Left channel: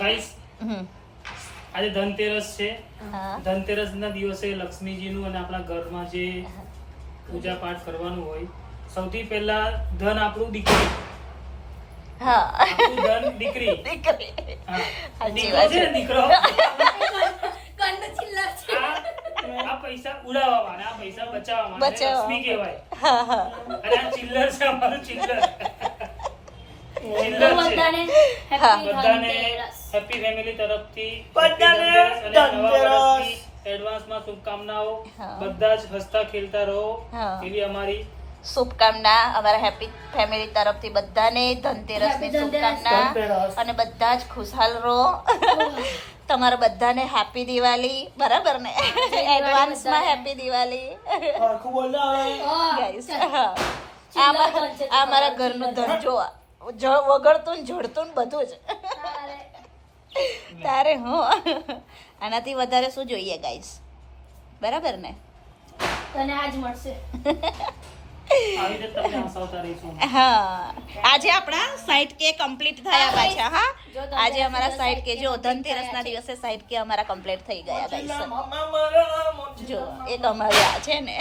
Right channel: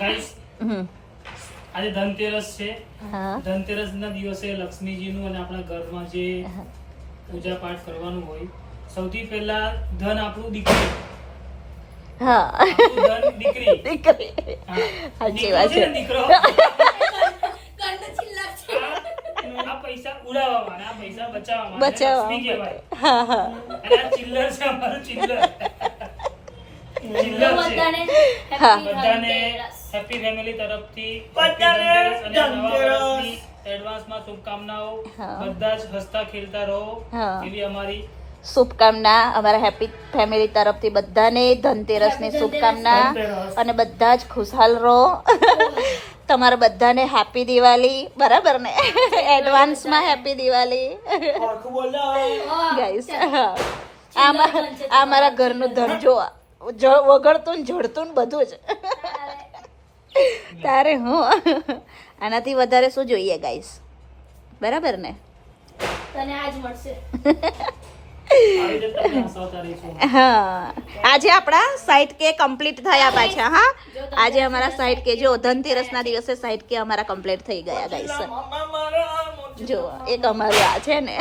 Guys આજે ધનતેરસ છે. ધનતેરસ ના દિવસે લક્ષ્મીજીનું અને આપણા ઘરમાં જે પૂજા પાઠ કરવાનું હોય, સૌથી પહેલા ધન આપણું દીકરી. આપણું ધન દીકરી. હા, દીકરો છે ને, દીકરો આ પૈસા ઉડાવવા માટે, આ પૈસા બચાવવા માટે લક્ષ્મી કહેવાય. અને આ ચિલ્લર છે, અમારું ચિલ્લર. બધાને હેપી ફેમિલી તરફથી એડવાન્સમાં શુભકામનાઓ. બધા જ હસતા ખેલતા રહો એવી અમારી શુભકામના. અમારા હેપી ફેમિલી તરફથી બધાને ધનતેરસની શુભકામના અને બધા જ ખુશહાલ રહો. તમારા બધાને હેપી દિવાળી. બરાબર ને? એડવાન્સમાં હેપી દિવાળી. આ મારા ઘરનું ધન જો વગડતું ને જડતું ને બધું જ. તારે હું આનાથી વધારે શું જોઈએ ગાઈસ? બરાબર ને? તને આજ મળશે. આજે આપણા સાઈડ કે કમ્પ્લીટ થયા પાછા. હા, આજે અમારા સાઈડ કે જો ધનતેરસ ના દિવસે સાઈડ કે અમારા કમ્પ્લીટ થઈ ગયા ગાઈસ. જો એક અમારા છે ને